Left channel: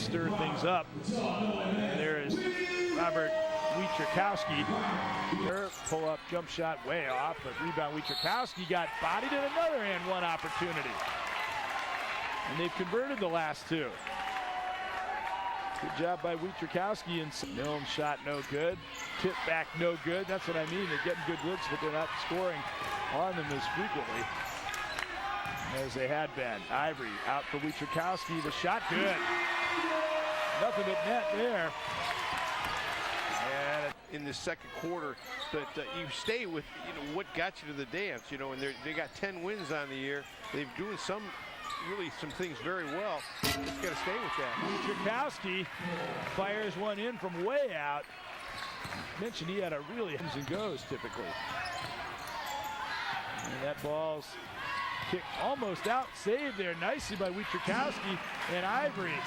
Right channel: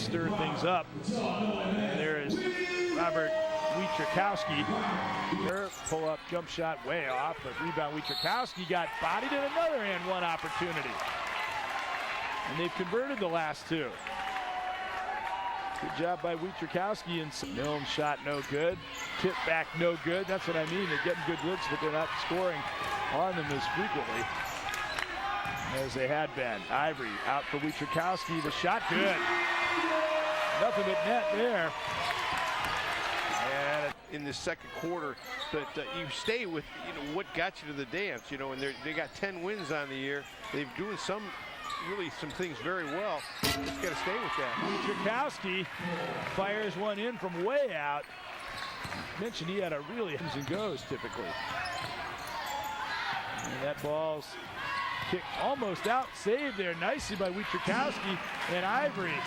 stir things up. And there is Robert Wietrzykowski. Pull-up jump shot way off, but rebound Wietrzykowski got bodied at another and one opportunity. And they've converted the last two. Good job by Wietrzykowski. And Milne's shot no good. Tip back no good. That's what I mean. They're getting good looks, but they're not scoring on them as frequently as they had been. Ivory out for Wietrzykowski. The shot good. Nothing but net there. And in the second quarter, but you stay with what got you to the dance, and they got 10 wins on the year. They're doing some things very well. You just got to stay with that. Wietrzykowski fires one in from way out. Mentioned he had a really comes and goes typically. And that ball's kicked almost out, saved there nicely by Wietrzykowski, and Ivory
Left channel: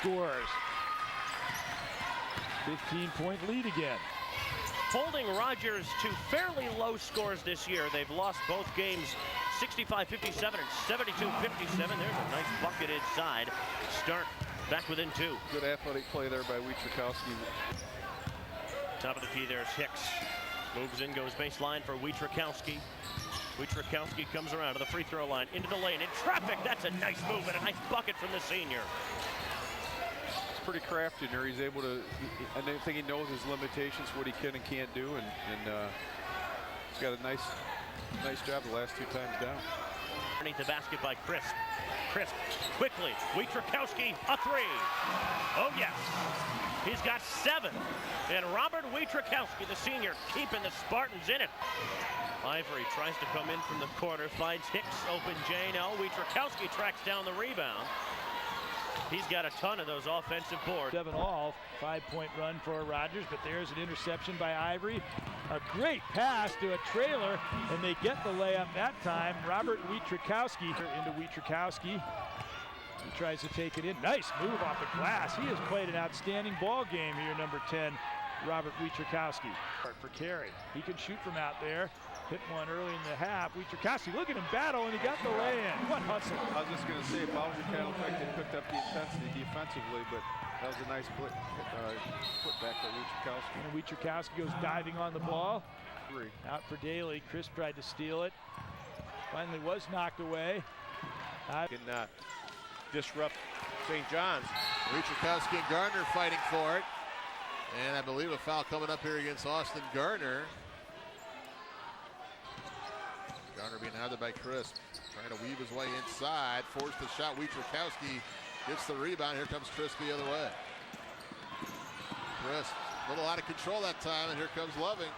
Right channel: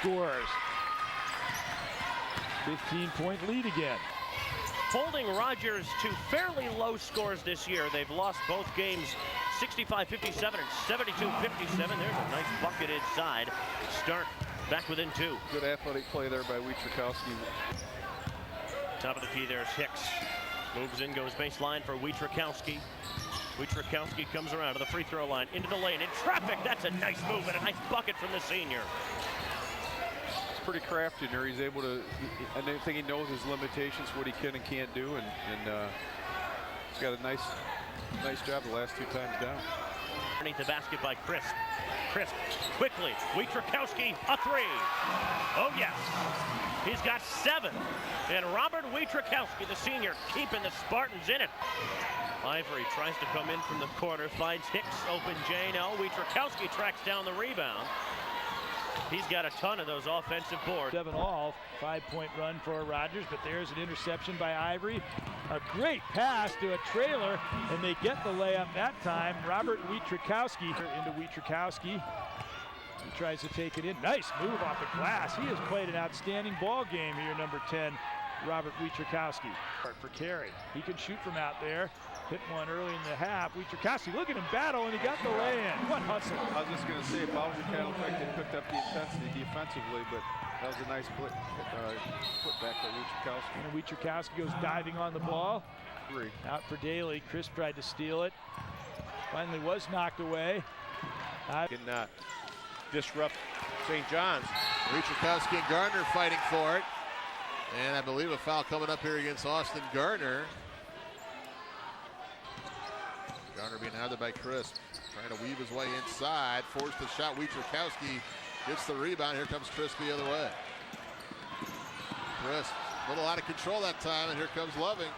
scores. 15-point lead again. Holding Rogers to fairly low scores this year. They've lost both games 65-57 and 72-57. There's a nice bucket inside. Start back within two. Good athletic play there by Wietrzykowski. Top of the key, there's Hicks. Moves in, goes baseline for Wietrzykowski. Wietrzykowski comes around to the free throw line, into the lane, in traffic. That's a nice move and a nice bucket from the senior. It's pretty crafty there. He's able to, I think he knows his limitations, what he can and can't do, and he's got a nice job the last two times down. Underneath the basket by Crisp. Crisp, quickly, Wietrzykowski, a three. Oh yes, he's got 7. And Robert Wietrzykowski, the senior, keeping the Spartans in it. Ivory tries to come in from the corner, finds Hicks open J-No. Wietrzykowski tracks down the rebound. He's got a ton of those offensive boards. 7-all, 5-point run for Rogers, but there's an interception by Ivory. A great pass to a trailer, and they get the layup that time. Robert Wietrzykowski into Wietrzykowski. He tries to take it in. Nice move off the glass. He has played an outstanding ball game here, number 10, Robert Wietrzykowski. For Carey, he can shoot from out there. Hit one early in the half. Wietrzykowski, look at him battle, and he got the lay-in. What hustle. I was just going to say, Bowser Cattle Track, they picked up the intensity defensively, but that was a nice put back by Wietrzykowski. And Wietrzykowski goes diving on the ball. 3. Out for Daly. Chris tried to steal it. Finally was knocked away. Can disrupt St. John's. Wietrzykowski and Gardner fighting for it. And I believe a foul coming up here against Austin Gardner. Gardner being handled by Chris. Trying to weave his way inside. Forced the shot. Wietrzykowski gets the rebound. Here comes Chris the other way. Chris, a little out of control that time, and here comes Loving.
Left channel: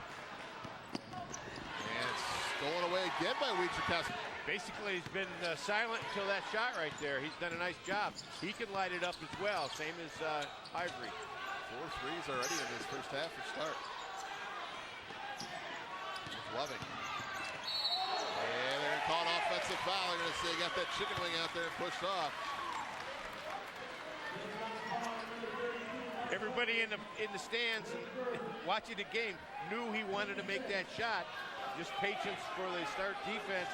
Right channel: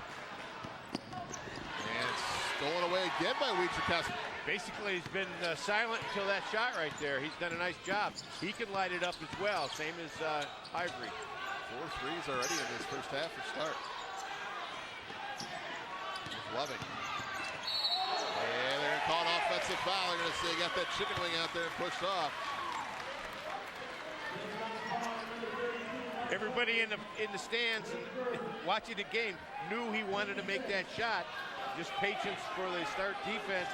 And it's stolen away again by Wietrzykowski. Basically, he's been silent until that shot right there. He's done a nice job. He can light it up as well, same as Ivory. 4 threes already in this first half for start. Loving. And they're going to call an offensive foul. They're going to say they got that chicken wing out there and pushed off. Everybody in the stands watching the game knew he wanted to make that shot. Just patience for the start defense.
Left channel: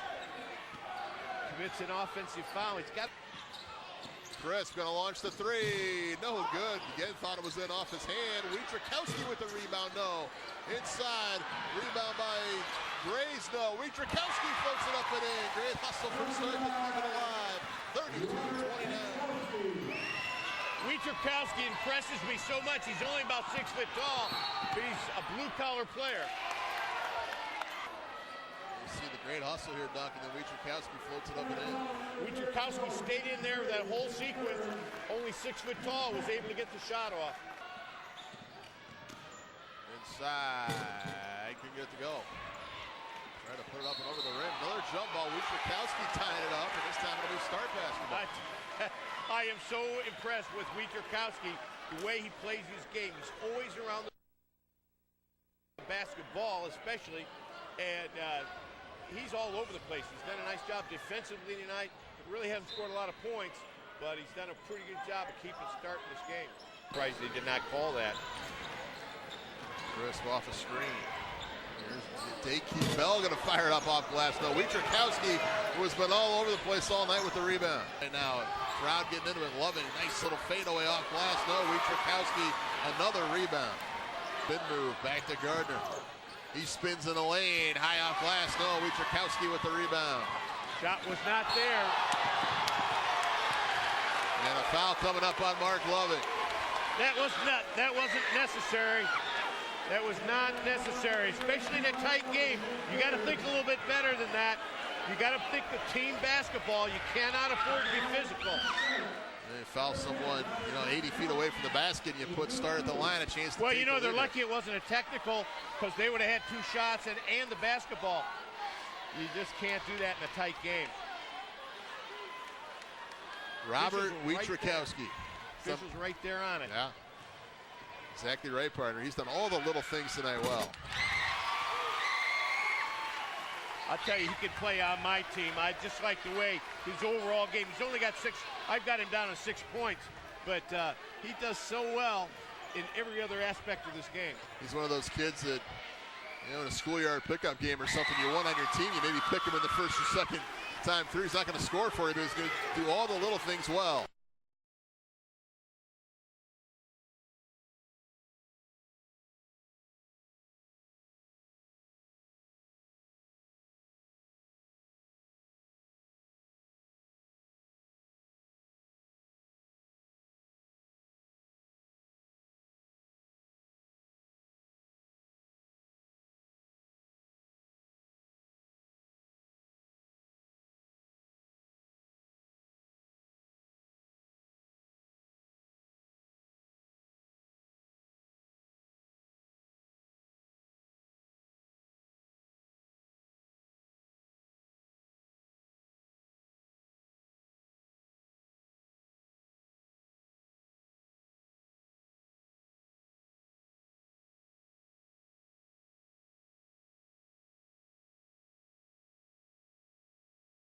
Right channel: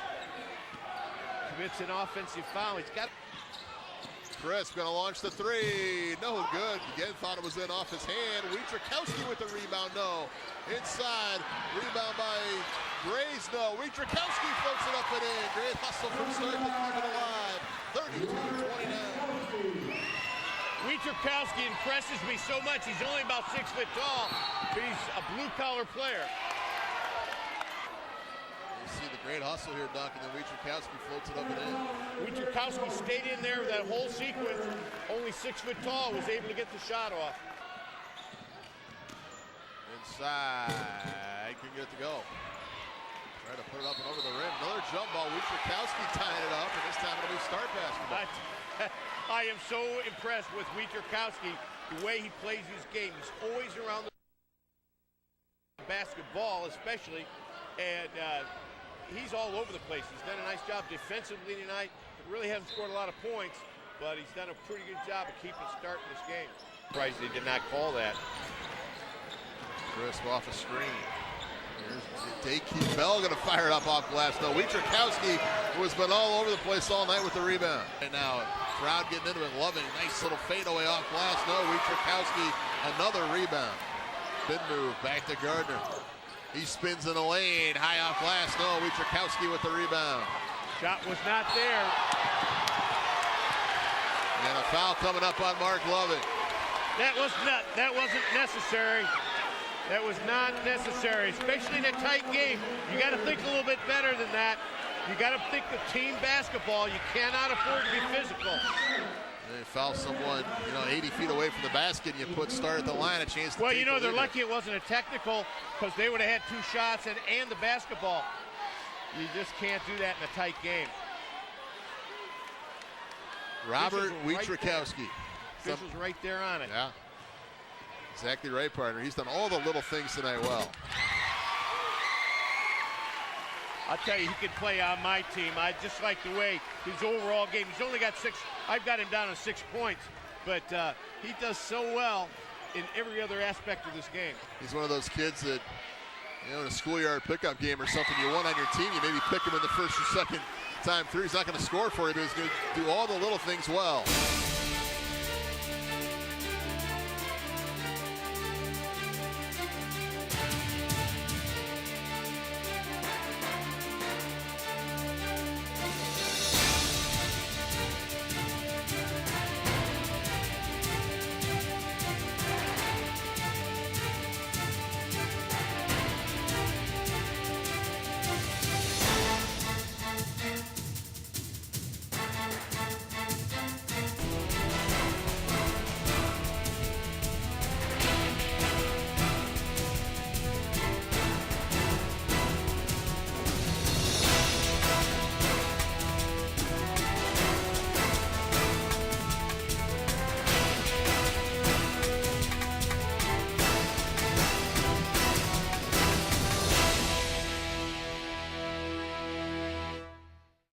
Commits an offensive foul. He's got. Chris going to launch the three. No good. Again, thought it was in off his hand. Wietrzykowski with the rebound. No. Inside. Rebound by Grace. No. Wietrzykowski floats it up and in. Great hustle from start to keep it alive. 32-29. Wietrzykowski impresses me so much. He's only about 6 foot tall, but he's a blue-collar player. See the great hustle here, Doc, and then Wietrzykowski floats it up and in. Wietrzykowski stayed in there that whole sequence, only 6 foot tall, was able to get the shot off. Inside, can get it to go. Try to put it up and over the rim. Another jump ball, Wietrzykowski tying it up, and this time it'll be start basketball. I am so impressed with Wietrzykowski, the way he plays his game. He's always around the basketball, especially, and he's all over the place. He's done a nice job defensively tonight. Really hasn't scored a lot of points, but he's done a pretty good job of keeping starting this game. Surprised they did not call that. Crisp off a screen. Here's Daykeep Bell going to fire it up off glass. No, Wietrzykowski, who has been all over the place all night with the rebound. And now Crowd getting into it, loving it. Nice little fadeaway off glass. No, Wietrzykowski, another rebound. Spin move, back to Gardner. He spins in the lane, high off glass. No, Wietrzykowski with the rebound. Shot was not there. And a foul coming up on Mark Lovett. That wasn't necessary. That was not necessary, especially in a tight game. You got to think a little bit better than that. You got to think of team basketball. You cannot afford to be physical. They foul someone, 80 feet away from the basket, and you put Star at the line, a chance to Well, take the they're lead. lucky it wasn't a technical, because they would have had 2 shots and the basketball. You just can't do that in a tight game. Robert Wietrzykowski. Officials right there on it. Yeah. Exactly right, partner. He's done all the little things tonight well. I'll tell you, he could play on my team. I just like the way his overall game. He's only got 6. I've got him down to 6 points, but he does so well in every other aspect of this game. He's one of those kids that, in a schoolyard pickup game or something, you want on your team, you maybe pick him in the first or second time through. He's not going to score for you, but he's going to do all the little things well.